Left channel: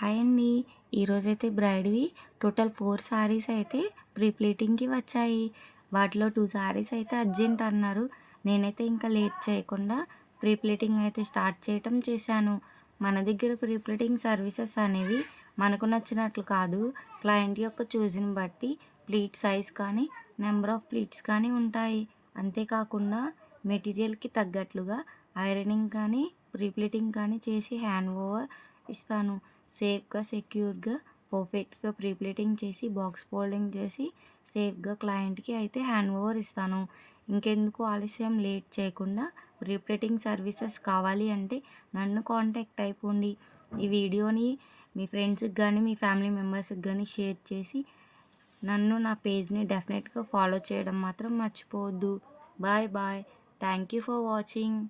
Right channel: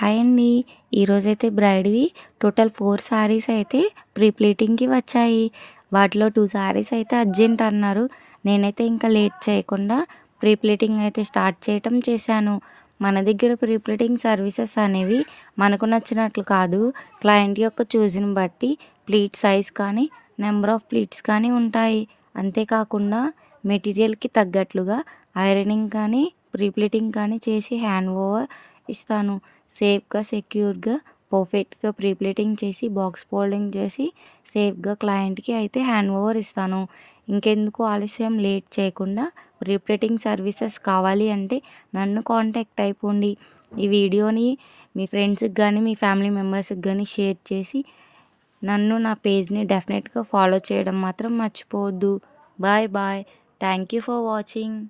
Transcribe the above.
Hi అండి. ఈరోజైతే బ్రైడ్‌వి total 4 saris అయితే ప్రీ ప్లీటింగ్‌కి వచ్చాయి. వాటిలో 2 శారీస్ అయితే అర్జెంట్ అన్నారు. నేనైతే ఇంకా లేట్ చేయకుండా ప్రీ ప్లీటింగ్ అయితే స్టార్ట్ చేశాను. మన దగ్గర ప్రీ ప్లీటింగ్ సర్వీసెస్ అనేవి మనకు నచ్చినట్లు కాదు. క్లయింట్ యొక్క చూస్‌ని బట్టి ప్లీట్ సైజ్ కానీ, నెంబర్ ఆఫ్ ప్లీట్స్ కానీ ఉంటాయి. అంతేకాకుండా మెటీరియల్‌కి తగ్గట్లుగా ఐరనింగ్ కానీ, ప్రీ ప్లీటింగ్ కానీ చేసి హ్యాండ్ ఓవర్ ఇస్తాను. సేఫ్‌గా, సెక్యూర్‌గా, పర్ఫెక్ట్‌గా ప్రీ ప్లీటింగ్ చేసి, బాక్స్ ఫోల్డింగ్ చేసి, సేఫ్‌గా క్లయింట్‌కి అయితే హ్యాండ్ ఓవర్ ఇస్తాను. ఇంకెందుకు ఆలస్యం, లేట్ చేయకుండా ప్రీ ప్లీటింగ్ సర్వీసెస్ కావాలి అంటే నన్ను కాంటాక్ట్ అయిపోండి. ఈ వీడియోని మీ ఫ్రెండ్స్‌కి గానీ, మీ ఫ్యామిలీ మెంబర్స్‌కి గానీ షేర్ చేసి, నా పేజ్‌ని డెఫినెట్‌గా ఫాలో చేయడం మాత్రం మర్చిపోవద్దు. Bye bye. Thank you for watching.